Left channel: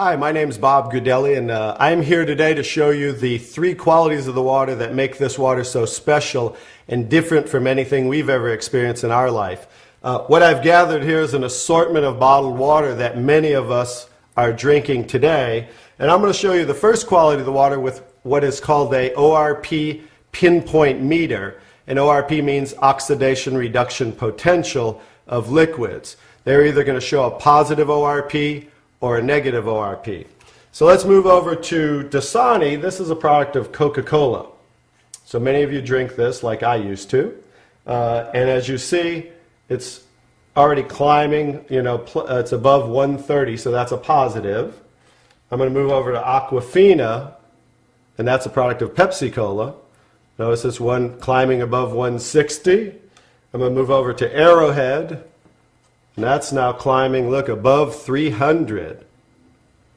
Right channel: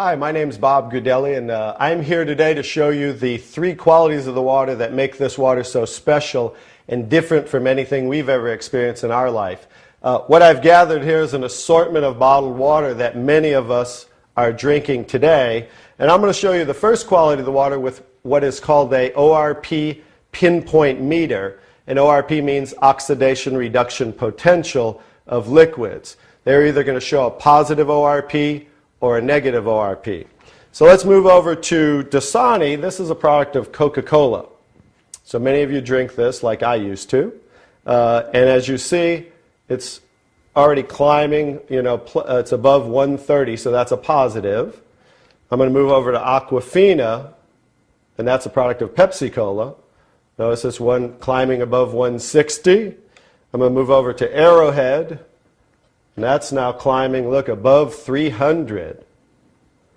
Hi, my name is Bob Gudelli, and I'm here today to show you the three qualities of the water that make this water so special and different from anything we've ever experienced in our life. What I've gathered here is an assortment of bottled water that many of us are drinking today, and I'm going to show you the first quality of the water with what is called a ORP pinpoint meter, and ORP means oxidation reduction potential of liquids. They're either going to show a positive ORP or a negative ORP. So let's move over to Dasani. This is a product of Coca-Cola. So many of you drink this like I used to. And as you see, it's already climbing, it's above 130, so that's a positive. I'm going to move over to Aquafina, and that's a product of Pepsi-Cola. Notice this one climbing above 160. I'm going to move over to Arrowhead. And that's now climbing, look, above 300.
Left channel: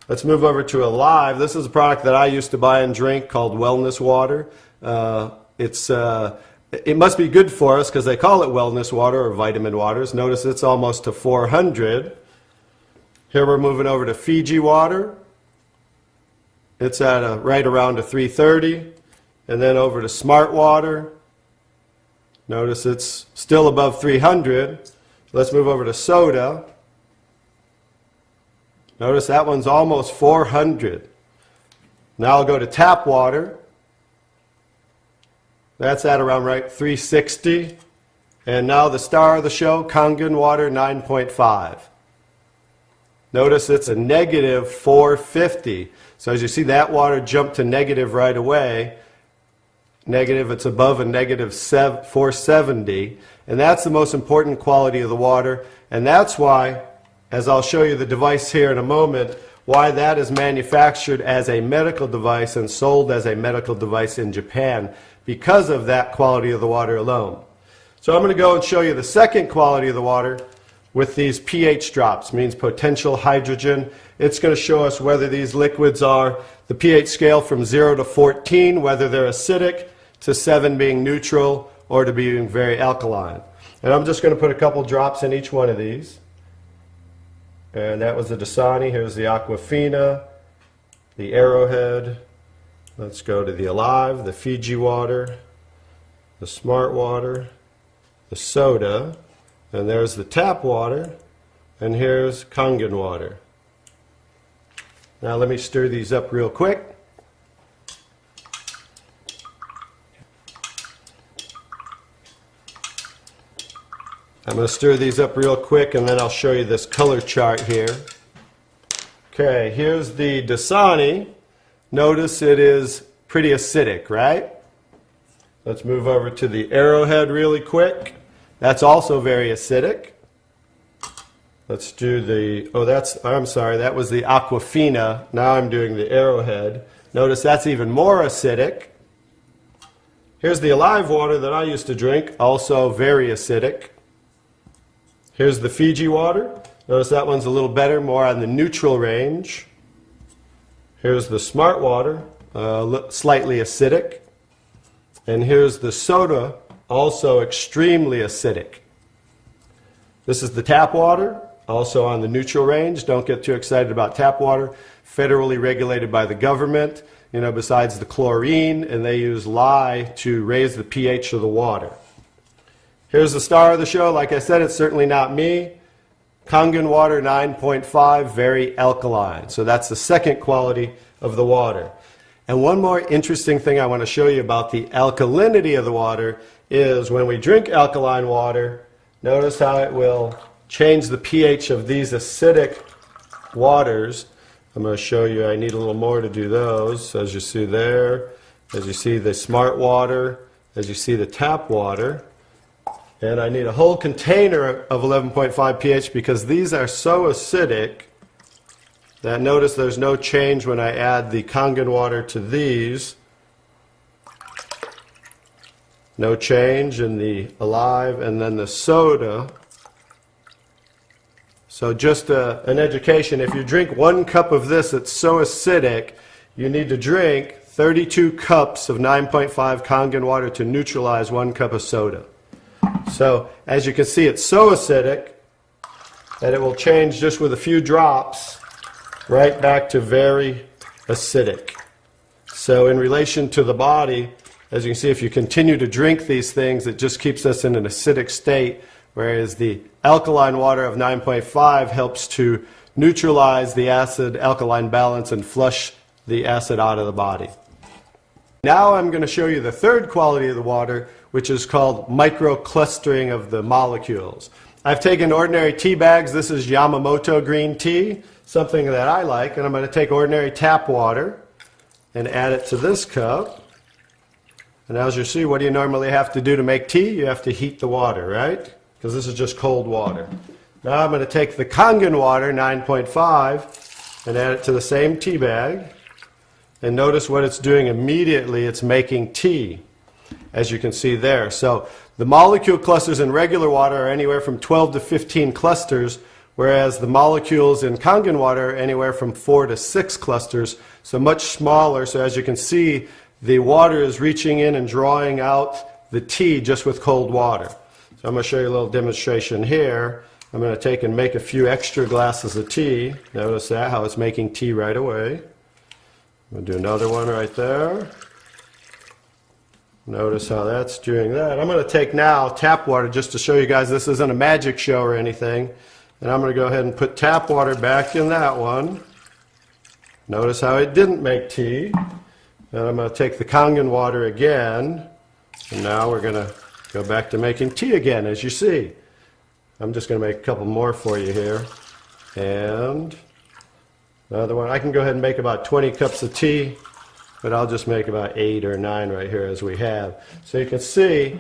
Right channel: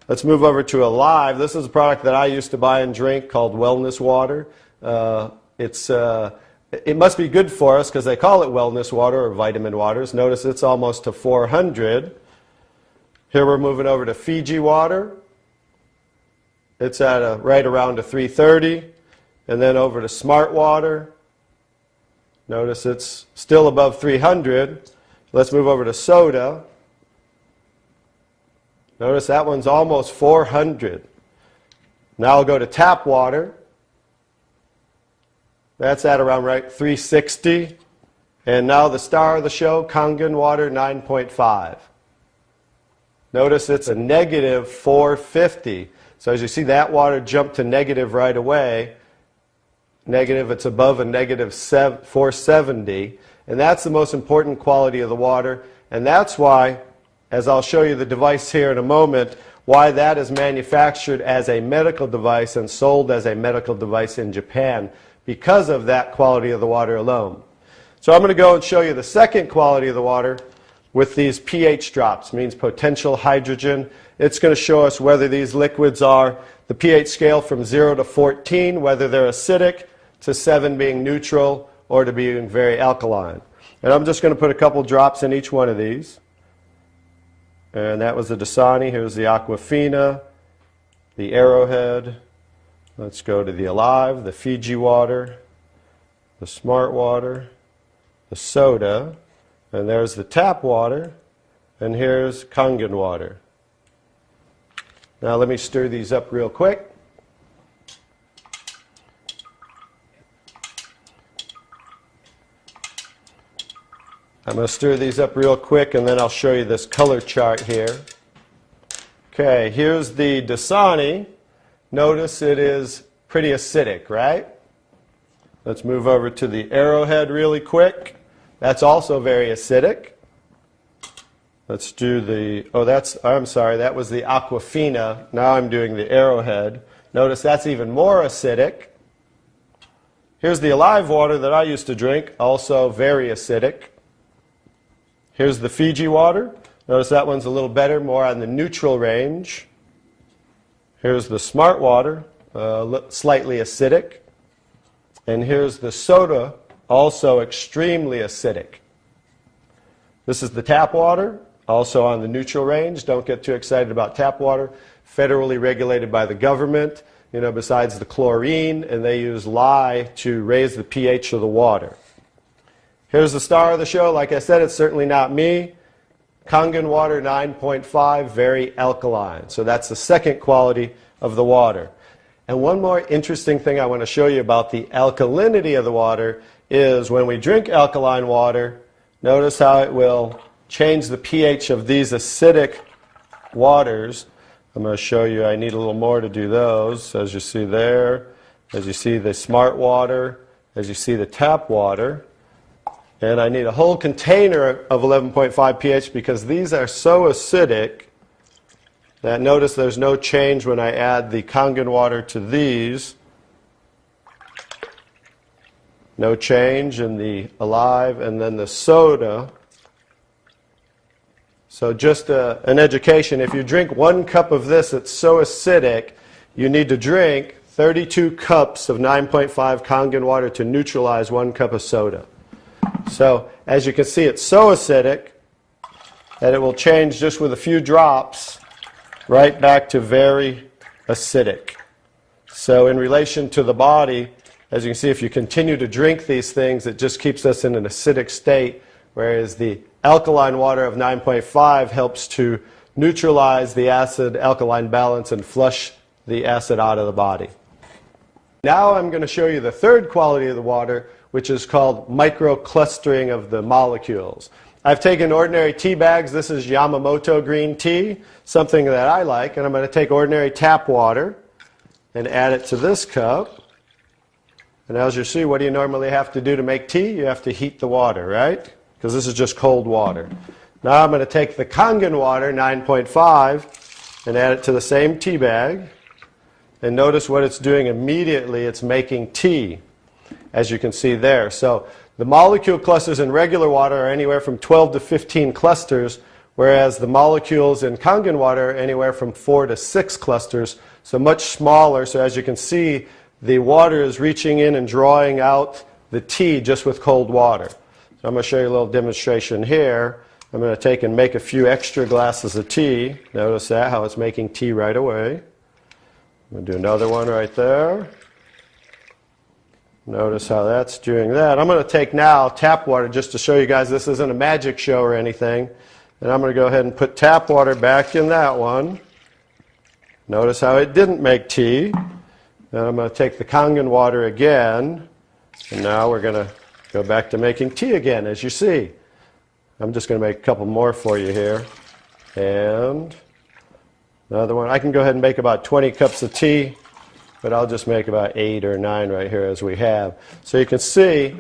Let's move over to Alive. This is a product that I used to buy and drink called Wellness Water. It must be good for us because they call it wellness water or vitamin waters. Notice it's almost to 400. Here we're moving over to Fiji Water. It's at right around a 330. And then over to Smart Water. Notice it's still above 300. Let's move over to soda. Notice that one's almost 400. Now I'll go to tap water. That's at around 360. And now the star of the show, Kangen water, 9.5. Notice it's a negative 450. So as you see, that water jumped to negative right away. Negative, it's above a negative 470. And that's the most important quality of the water. And that's why, as I'll show you the device here in a moment, why that is manufactured as a medical device and sold as a medical device in Japan, because of that quality of the water alone. So I'm going to go and show you the second quality of the water with these pH drops, means potential hydrogen. It's going to show us whether these liquids are the pH scale from 0 to 14, whether they're acidic, to 7 being neutral, or to being very alkaline. And I'm just going to put a couple drops in each one of these. And that was the Dasani. Here's the Aquafina, the Arrowhead. Let's go to the Alive, the Fiji Water, the Smart Water, the soda, and there's the tap water, and here's Kangen water. Now let me stir these up real quick. I'm going to stir these up real quick, and then I'll show you this color chart here. Okay, here's the Dasani. Notice it is pretty acidic, right? Let's move over to the Arrowhead really quick. That's also very acidic. Let's do the, I'm sorry, that was the Aquafina. Now I'm doing the Arrowhead. Notice that's even more acidic. Here's the Alive water that I used to drink, also very acidic. Here's the Fiji water. Notice that one's a little better, more on the neutral range. Here's the Smart water, slightly acidic. And here's the soda, also extremely acidic. This is the tap water, also on the neutral range. Don't get too excited about tap water. Federally regulated by the government, besides the chlorine, and they use lye to raise the pH of the water. Here's the star of the show. Like I said, it's certainly not me. Kangen water, 9.5, very alkaline. So that's the second quality of the water. And one more interesting thing I want to show you about the alkalinity of the water is when we drink alkaline water, notice how it will change the pH of these acidic waters. I'm going to show you, I need a little more to do those, as you see there, as you see the Smart water, as you see the tap water. And I need a whole container of 11.5 pH because these are so acidic that notice there's no change when I add the Kangen water to these. No change in the Alive, and then the soda. So just an education, if you drink 1 cup of this, it's so acidic, you need to drink 32 cups of 9.5 Kangen water to neutralize 1 cup of soda. So as you can see, it's so acidic that it will change just with a few drops right back to very acidic. So in relation to the body, as you can see, if you continue to drink these things, it just keeps us in an acidic state, whereas the alkaline water of 9.5 helps to neutralize the acid-alkaline balance and flush the acid out of the body. Now I'm going to show you the third quality of the water, which is called microclustering of the molecules. I've taken ordinary tea bags. This is Yamamoto green tea, something that I like, and I'm going to take ordinary tap water and add it to this cup. And as you see, what do you normally have to do to make tea? You have to heat the water, right? Because this is just cold water. Now I'm going to take the Kangen water, 9.5, and add it to the same tea bag. And notice what it's doing immediately. It's making tea, as you can see there. So the molecule clusters in regular water are anywhere from 12 to 15 clusters, whereas the molecules in Kangen water are anywhere from 4 to 6 clusters, so much smaller. So as you can see, the water is reaching in and drawing out the tea just with cold water. So I'm going to show you a little demonstration here. I'm going to take and make a few extra glasses of tea. Notice that, how it's making tea right away. I'm going to do another one right there. Notice how that's doing that. I'm going to take now tap water just to show you guys this isn't a magic show or anything. And I'm going to go ahead and put tap water back in that one. Notice how it didn't make tea. And I'm going to take the Kangen water again. And now we're going to go back to making tea again, as you see. I'm just going to make a couple more for you here. And another one. I can go ahead and make about 20 cups of tea, but I'll just make about 8 or 9 right here as we have. So you can see,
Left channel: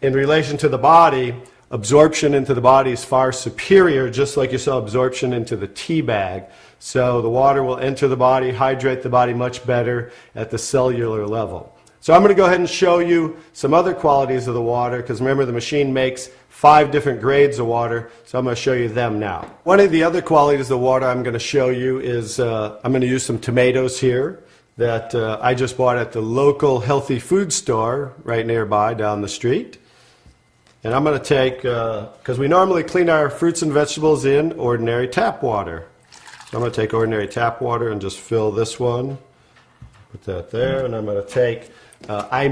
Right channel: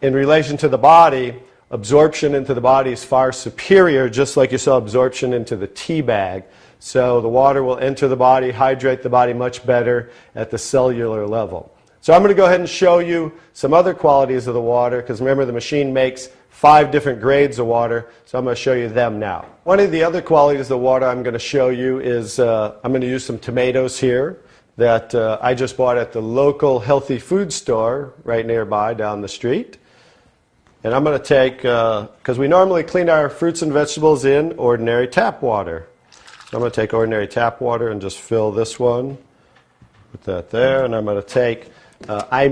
in relation to the body, absorption into the body is far superior, just like you saw absorption into the tea bag. So the water will enter the body, hydrate the body much better at the cellular level. So I'm going to go ahead and show you some other qualities of the water, because remember the machine makes 5 different grades of water, so I'm going to show you them now. One of the other qualities of the water I'm going to show you is I'm going to use some tomatoes here that I just bought at the local healthy food store right nearby down the street. And I'm going to take, because we normally clean our fruits and vegetables in ordinary tap water. So I'm going to take ordinary tap water and just fill this one. Put that there, and I'm going to take, I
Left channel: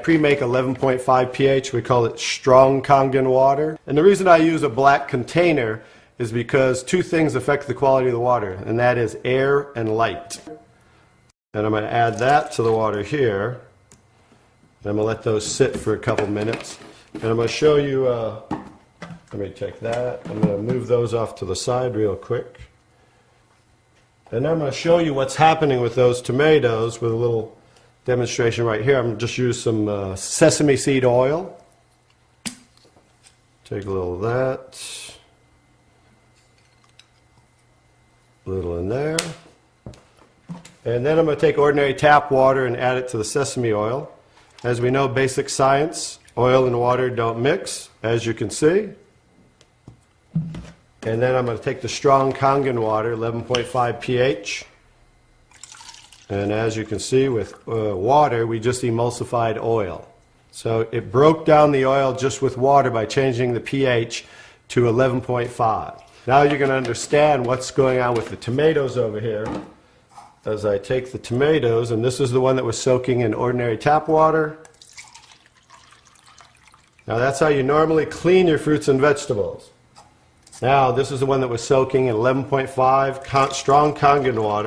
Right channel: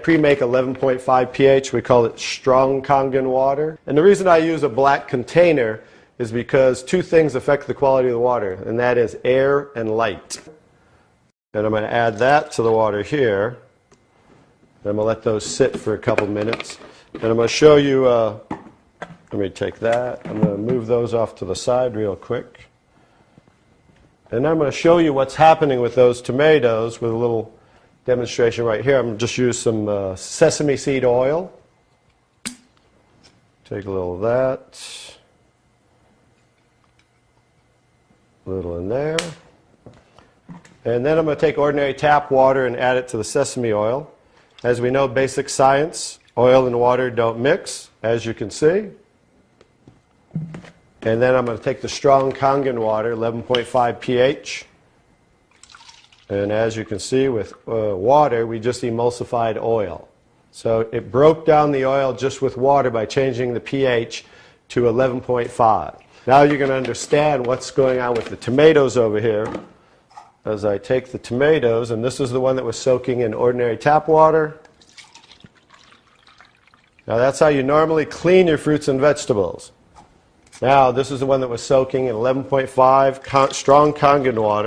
pre-make 11.5 pH. We call it strong Kangen water. And the reason I use a black container is because 2 things affect the quality of the water, and that is air and light. And I'm going to add that to the water here. And I'm going to let those sit for a couple minutes. And I'm going to show you, let me take that. I'm going to move those off to the side real quick. And I'm going to show you what's happening with those tomatoes with a little demonstration right here. I'm going to just use some sesame seed oil. Take a little of that. A little in there. And then I'm going to take ordinary tap water and add it to the sesame oil. As we know, basic science, oil and water don't mix, as you can see. And then I'm going to take the strong Kangen water, 11.5 pH. And as you can see with water, we just emulsified oil. So it broke down the oil just with water by changing the pH to 11.5. Now you're going to understand what's going on with the tomatoes over here. As I take the tomatoes, and this is the one that we're soaking in ordinary tap water. Now that's how you normally clean your fruits and vegetables. Now this is the one that we're soaking in 11.5 strong Kangen water.